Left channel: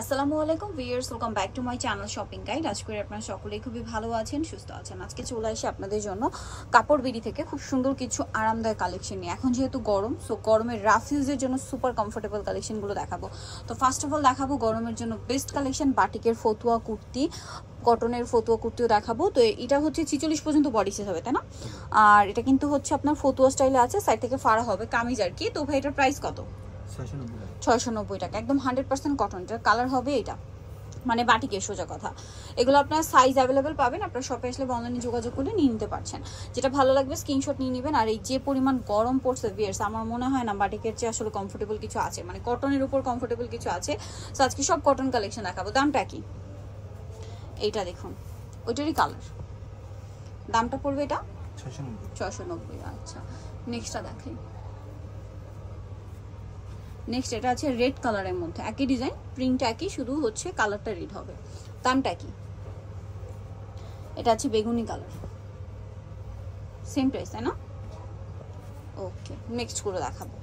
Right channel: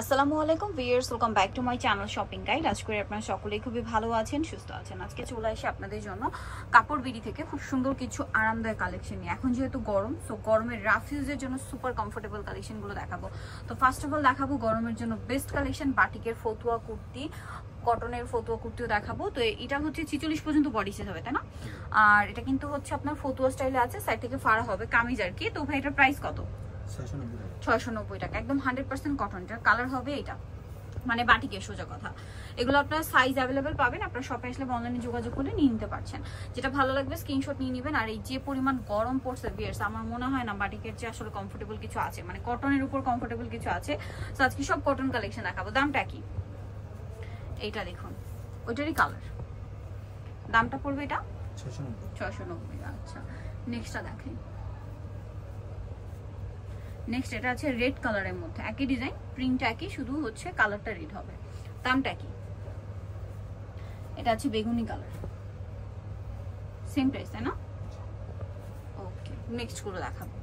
আসসালামু আলাইকুম viewers, welcome back to my channel shopping guide. আজ করে আপনারা সকলেই খুবই ভালো আছেন, সুস্থ আছেন। আজকে চলে আসি আপনাদের জন্য কাপড় বিডি থেকে খুব সুন্দর কিছু আরামদায়ক কালেকশন নিয়ে। এখন যেহেতু গরম, সো গরমের রাফ ইউজের জন্য সুপার কমফোর্টেবল কালেকশনগুলো দেখাবো। তো ফার্স্ট অফ অল দেখাবো গরমের জন্য বেস্ট কালেকশন, বাটিকের ফতুয়া কুর্তি, কটনের ফতুয়া কুর্তিও দেখাবো। তো এটা হচ্ছে 46 পর্যন্ত বডি সাইজ হবে, তাই না? আর এটা কিন্তু হচ্ছে আপনার ফতুয়া স্টাইলে আছে, সাইড থেকে ফাড়া হবে কামিজ আর কি। তো ভাই এটার প্রাইস কত? 690 টাকা, একদম 100% কটন। এটার কালার হবে এটা মানে বাটিকের সোজা কথা। এগুলো আপনার সাইজ অ্যাভেলেবেল পাবেন, আপনার শপে আসলে অনলাইনে যোগাযোগ করে নিয়ে নিতে পারছেন। যেটা ভালো লাগবে স্ক্রিনশট নিয়ে নেবেন। আর এই যে পরিমাণ গরম পড়ছে ভিউয়ার্স, আমার মনে হয় না বাটিকের চেয়ে আসলে কমফোর্টেবল কিছু আছে, মানে কটনের উপর কমফোর্টেবল কিছু আছে। তো আজকে সব কটন কালেকশন দেখাবো। দামটা কি? এইটা দেখুন, ওইটারই কালার। দামটা পড়বে এটা 690। আচ্ছা, নেক্সটটা দেখেন। নেক্সট এটা আছে রেড কালারের মধ্যে, একই ডিজাইন, প্রিন্ট একই, শুধু হচ্ছে কালারটা রেড হবে। দামটা কি? এটা আছে বেগুনি কালার, সেম প্রাইস, তাই না? ওকে, নেক্সট করে দেখাবো।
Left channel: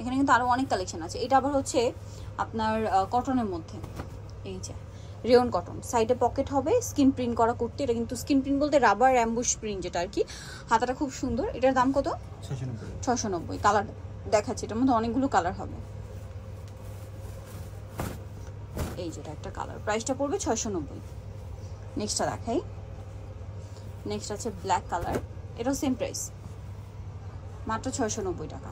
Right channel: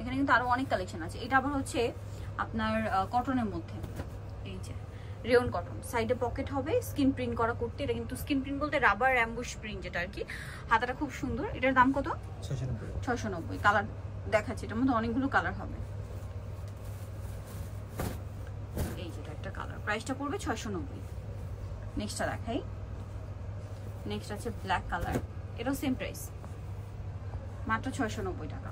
এখানে কিন্তু আরো অনেক কালেকশন আছে। এটা আবার হচ্ছে আপনার কটনের মধ্যে, এই যে রেয়ন কটন, সাইডে পকেট হবে, স্কিন প্রিন্ট করা কুর্তি। এটা কিন্তু স্কিন প্রিন্ট বলতে রাবার অ্যাম্বুশ প্রিন্ট, যেটা আর কি। হাতাটা খুব সুন্দর। এটার দাম কত? 690। কালার দেখাচ্ছি, এটার মধ্যে অনেকগুলো কালার হবে। এই যেটা একটা কালার, প্রাইসটা পড়বে 690। নেক্সটটা দেখাই। নেক্সট আছে ব্ল্যাক কালার, এটাও সেম প্রাইস, মাত্র 690 টাকা।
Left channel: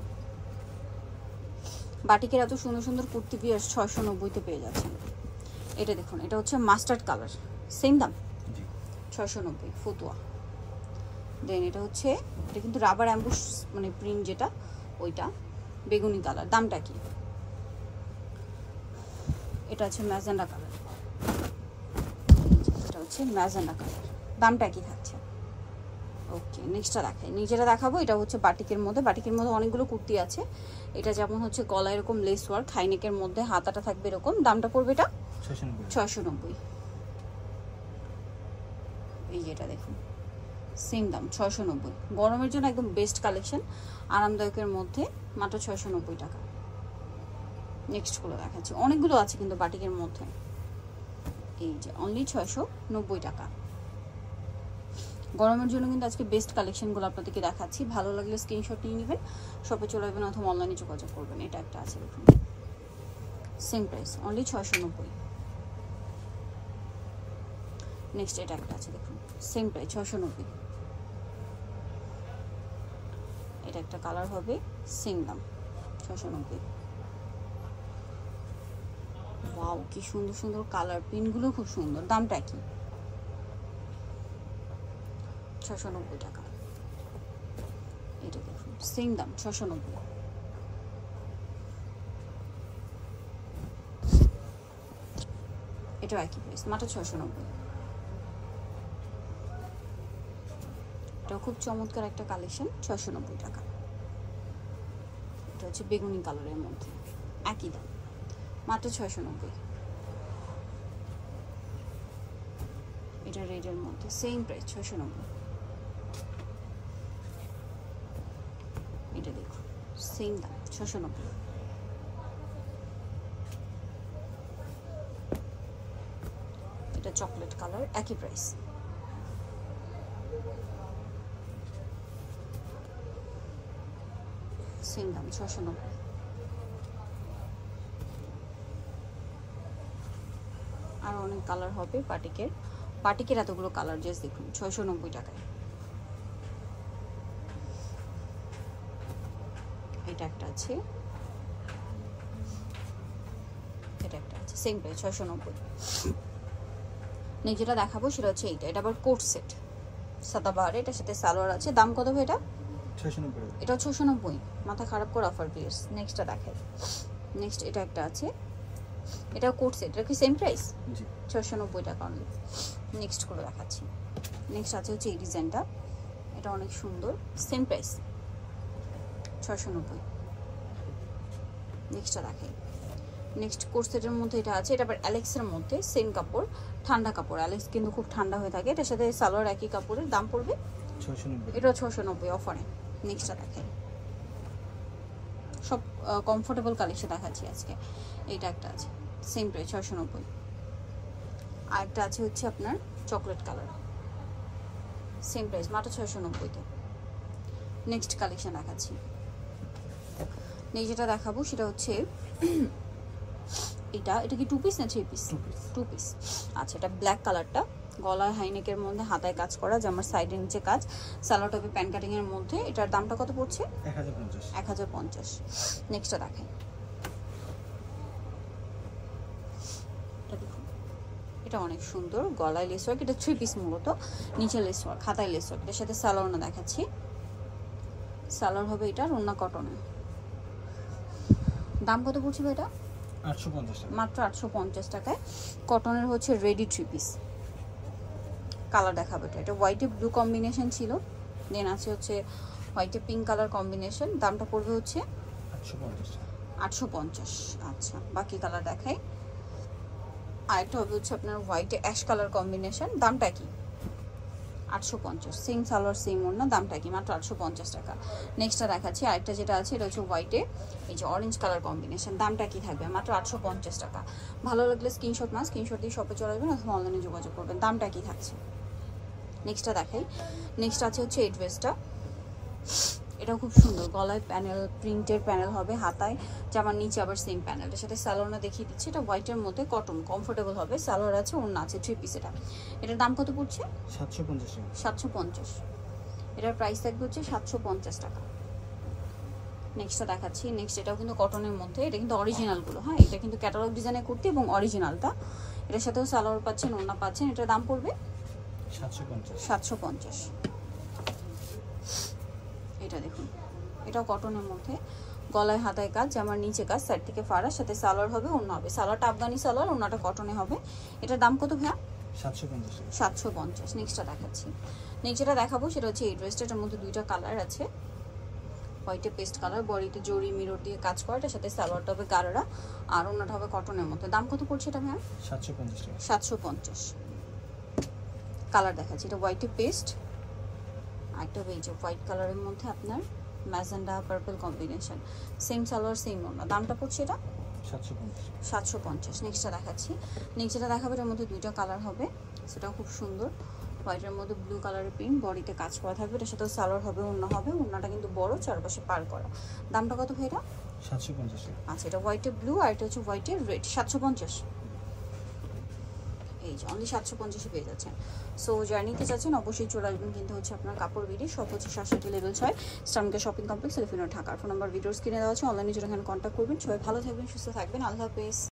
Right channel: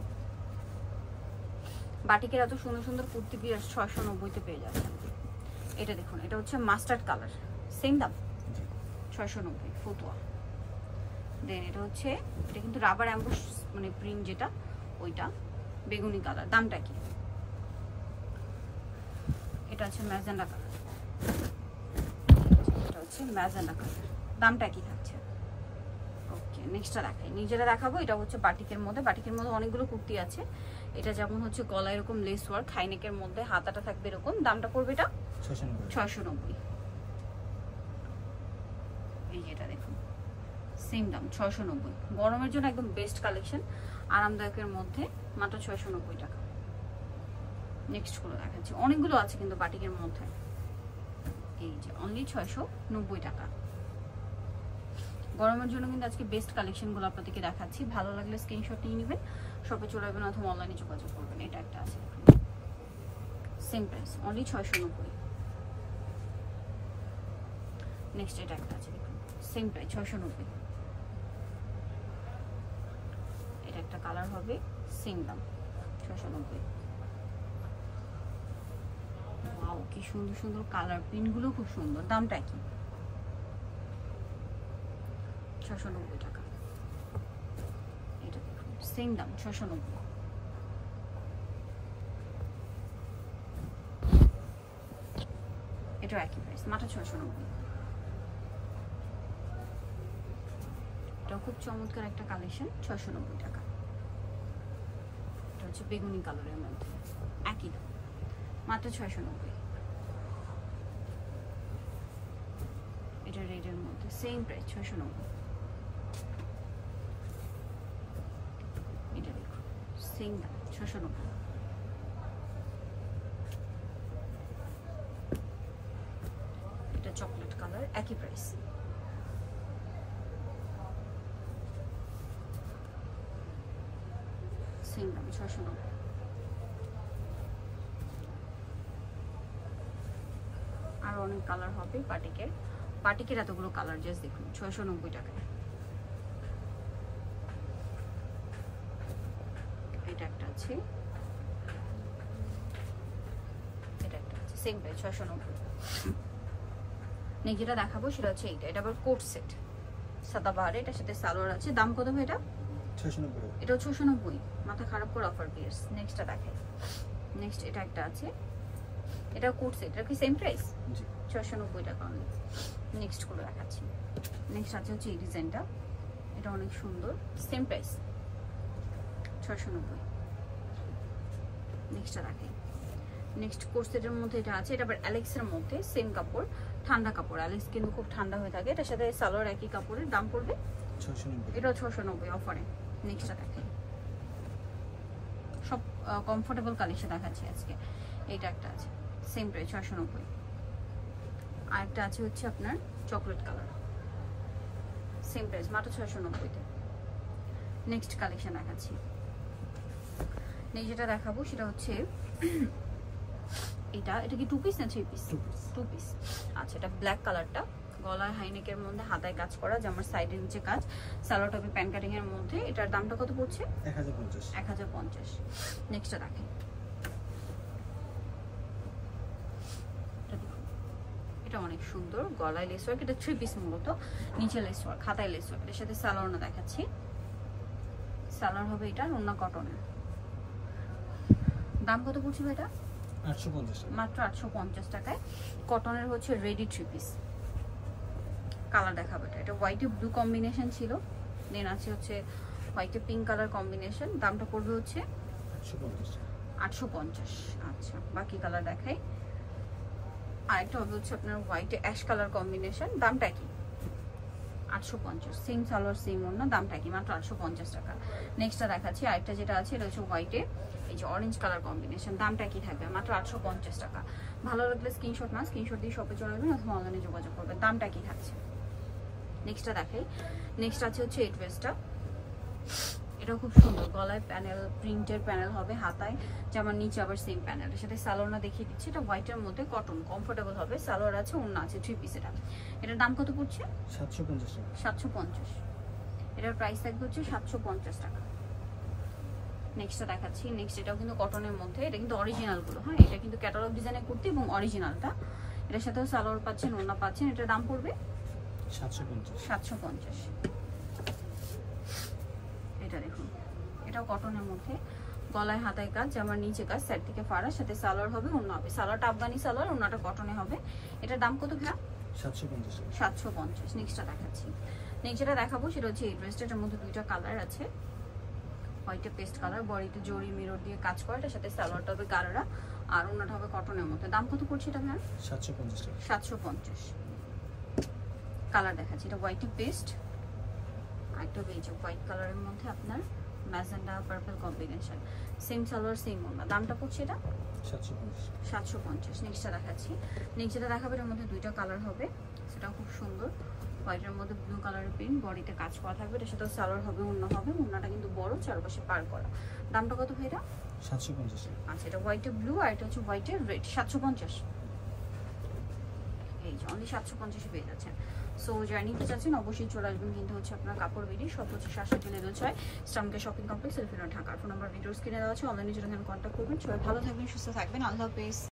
বাটিকের এত সুন্দর সুন্দর কুর্তি পিস 690-তে পেয়ে যাচ্ছে। এটা দেখুন, এটা হচ্ছে মাস্টার্ড কালার, সেম দাম 690 ফতুয়া। দেন এটা হচ্ছে, এটা কিন্তু রাবার অ্যাম্বুশ মানে প্রিন্ট যেটা, ওইটা বেগুনি কালার। দামটা কি? এটা হচ্ছে ম্যাজেন্ডা কালার, এটা হচ্ছে ম্যাজেন্ডা কালার। দামটা কি থাকছে? ওকে, নেক্সটটা দেখাই। নিজেরা দেখাবো। এটা হচ্ছে বাটিকের মধ্যে, বাটিকের মধ্যে অনেকগুলো কুর্তি আছে। এটা যেমন হচ্ছে গলা এরকম লেস ওয়ার্ক, হাইনেকের মধ্যে হাতাটা থাকবে এরকম। দামটা পড়বে এটা 690। এই যেটা দেখুন, সেম দাম 690। গরমের জন্য একদম বেস্ট কালেকশন, আরামদায়কের মধ্যে, মাত্র 690 টাকা। নেক্সট গুলো দেখাচ্ছি, অনেকগুলো আছে কিন্তু বাটিকের মধ্যে। এই যে অনলি 690 টাকা। গরমের জন্য কিন্তু আজকে বেস্ট কালেকশনগুলো আপনাদেরকে দেখাচ্ছি। ভালো লাগলে স্ক্রিনশট নিয়ে নেবেন, শপে চলে আসবেন অথবা অনলাইনে যোগাযোগ করবেন। এটা একটা আছে দেখুন, সেম প্রাইস, অনলি 690। নেক্সট এটা একটা আছে দেখুন, সেম প্রাইস 690। এটা একটা কালার হবে, সেম দাম 690। ওয়াও, কি সুন্দর সুন্দর কালার, পিনগুলো খুব সুন্দর। দামটা কি? 690 টাকা। এটা দেখুন, সেম দাম 690। এটা একই প্রাইস, মাত্র 690। এটা খুব চমৎকার একটা কালেকশন, 690 টাকা। এটা হচ্ছে বেগুনি কালারের মধ্যে, একই দাম, মাত্র 690। এটা রেডের মধ্যে, সেম প্রাইস 690। এটা দেখুন, সেম দাম 690। এটা চকলেট কালার, একই প্রাইস। সেম দাম 690। আর অনেক কালার হবে বাটিকের, বাটিকের এতগুলো কালার জাস্ট দেখুন 690 টাকায়। এটা একটা আছে, এটা একটা আছে, সেম প্রাইস 690। যেটা দেখাবো সেটা হচ্ছে এইটা, এটা আবার কোট সেট, সাদাবাহার, এটার সাথে সালোয়ার আছে। দাম কত ভাই এটা? 690। এটাও 690, মাথা খারাপ করে অফার প্লেস। নেক্সটটা দেখে। নেক্সট এটা একটা আছে, এটা কোট সেট, এটা কি সেম প্রাইস? জি, 690 টাকা অনলি। নেক্সট করে দেখাচ্ছি। নেক্সট আছে হচ্ছে এই ডিজাইনটা, এটা অনেক সুন্দর, সেম প্রাইস 690। নেক্সটটা দেখে। নেক্সট কোট সেটের মধ্যে এটা আছে, এটা আবার অ্যালেক্সের মধ্যে, সেম কাপড়, ঠান্ডা কাপড়, অ্যালেক্স কিন্তু খুব ঠান্ডা হয়ে থাকে। এটার সাথে সালোয়ার একই কাপড়ের। দাম পড়বে 690। এটা 690 অফারে। নেক্সটটা দেখে। সব কমফোর্টেবল কালেকশন দেখাচ্ছি আজকে। এইটা একটা আছে, সেম প্রাইস 690। আরেকটা আছে হচ্ছে আপনার চকলেট কালার, সেম প্রাইস মাত্র 690-তে। নেক্সট কালেকশন দেখাচ্ছি। নেই যেটা দেখাবো সেটা হচ্ছে এটা কি 2 পিস না 3 পিস? 2 পিস। আচ্ছা, এটা ব্ল্যাক কালারটা, গলায় হাইনেকের মধ্যে হাতায় কাজ করা, জামার সাইডের নিচে কাজ, সালোয়ার টপে প্যান কাটিং এর মধ্যে। এটার দামটা কত পড়ছে? 1050। নেক্সটটা দেখেন, এটা অনেক সুন্দর, গলায় লেস ওয়ার্ক, এটা 3 পিস মূলত, নিচে লেস ওয়ার্ক, হাতায় লেস ওয়ার্ক। এর সাথে সালোয়ার না দেখাচ্ছি, সালোয়ার হবে এটা ওড়না কটনের। দাম কত পড়ছে ভাই এটা? 850 টাকা, মাত্র 850 টাকায়। কটনের হচ্ছে রেডি 3 পিস। কালার দেখাবো, এটা হোয়াইটে ব্লু কম্বিনেশন ছিল, দেন আছে হচ্ছে হোয়াইটে পিঙ্ক কালার কম্বিনেশন। দামটা পড়বে হচ্ছে 850। আচ্ছা, বাকি কালার দেখাই। আরেকটা হবে হচ্ছে আপনার হোয়াইটে অ্যাশ কালার কম্বিনেশন, দামটা কি? 850। সেম সালোয়ার সেম ওড়না, দামটা কি? মাত্র 850 টাকা। নেক্সটটা দেখাচ্ছি, আরেকটা যেটা আছে এটা হচ্ছে হোয়াইটে এই যে অরেঞ্জ কালার কম্বিনেশন, দামটা কি থাকবে? মাত্র 850 টাকা। ভালো লাগলে স্ক্রিনশট স্ক্রিনশট দিয়ে শপে চলে আসবেন অথবা অনলাইনে যোগাযোগ করবেন। দামটা কি থাকছে? নেক্সটটা দেখাই। নেক্সট আছে হচ্ছে এই ড্রেসটা, এটা খুব সুন্দর, গলায় প্যানেল, প্রিন্টের প্যানেল হবে, হাতায় জামার নিচে আবার সেম প্যানেল। এর সাথে সালোয়ারটা দেখিয়ে দিচ্ছি, এটা হোয়াইটের মধ্যে কটন, কমফোর্টেবল হবে, সালোয়ার আছে, ওড়না আছে, 3 পিস। এটার দাম কত পড়ছে? 750 টাকা। 750। এটার প্রাইস থাকবে হচ্ছে 750 টাকা। নেক্সটটা দেখাচ্ছি। নেক্সট এটাও কিন্তু কটনের মধ্যে, এটা কিন্তু অরিজিনালগুলো, হ্যাঁ, এটা কিন্তু ক্যাটালগ ডিজাইনের কুর্তি এবং অরিজিনালটা। এটার সাথেও সালোয়ার পাচ্ছেন, ওড়না পাচ্ছেন। এটার দাম পড়বে 750। এটা দেখুন, এটাও কটনের মধ্যে, গলায় হাতায় কাজ, জামার নিচে কাজ, সাইড থেকে ফাড়া, সাথে সালোয়ার হবে, ওড়না হবে। সালোয়ারটা আফগানি সালোয়ার, ওড়নাটা কটনে হবে। এটার দাম কত ভাইয়া? 750। নেক্সটটা দেখাচ্ছি। নেক্সট যেটা দেখাবো সেটা হচ্ছে এই ড্রেসটার মধ্যে দুইটা কালার আছে, হোয়াইটে পেস্ট কালার, বডিতে জরি মিরর দিয়ে কাজ করে, এটার সাথে সালোয়ারটা হবে গারারা, আর ওড়নাটা হবে কটনের মধ্যে। দাম কত পড়ছে এটা ভাইয়া? 750 টাকা। 750। কালার দেখাচ্ছি, এটা হোয়াইটে পেস্ট, আরেকটা হবে এই যে হোয়াইট কালারের মধ্যে আপনার magenta purple combination, same salwar same ওড়না। দামটা পড়ছে এটা 750। নেক্সটটা দেখাচ্ছি। নেক্সটটা দেখাবো, এর মধ্যে দুইটা কালার হবে, সেটাও খুব সুন্দর, হোয়াইটের মধ্যে ব্লু কালারের প্রিন্ট, বডিতে কাজ করা থাকবে, এটার সাথে সালোয়ার হবে, ওড়না হবে, ওড়নাটা কিন্তু বড়, চারপাশে পার করা। দামটা কত ভাই এটা? 750 টাকা। আচ্ছা, এটা হোয়াইটে ব্লু আর এটা হচ্ছে হোয়াইটে রেড, 750। এই যে অনলি 750 পেয়ে যাচ্ছেন। সো যারা নিতে চাচ্ছেন অবশ্যই চলে আসবেন কিন্তু হচ্ছে আপনার কাপড় বিডি, সব হচ্ছে 67 লেভেল 6, স্টামকে shopping complex, elephant Dhaka. Phone number ভিডিওর স্ক্রিনে দেওয়া আছে, অনলাইনে জন্য এখানে কন্ট্যাক্ট করবেন। সবাই ভালো থাকবেন, সুস্থ থাকবেন, আল্লাহ হাফেজ।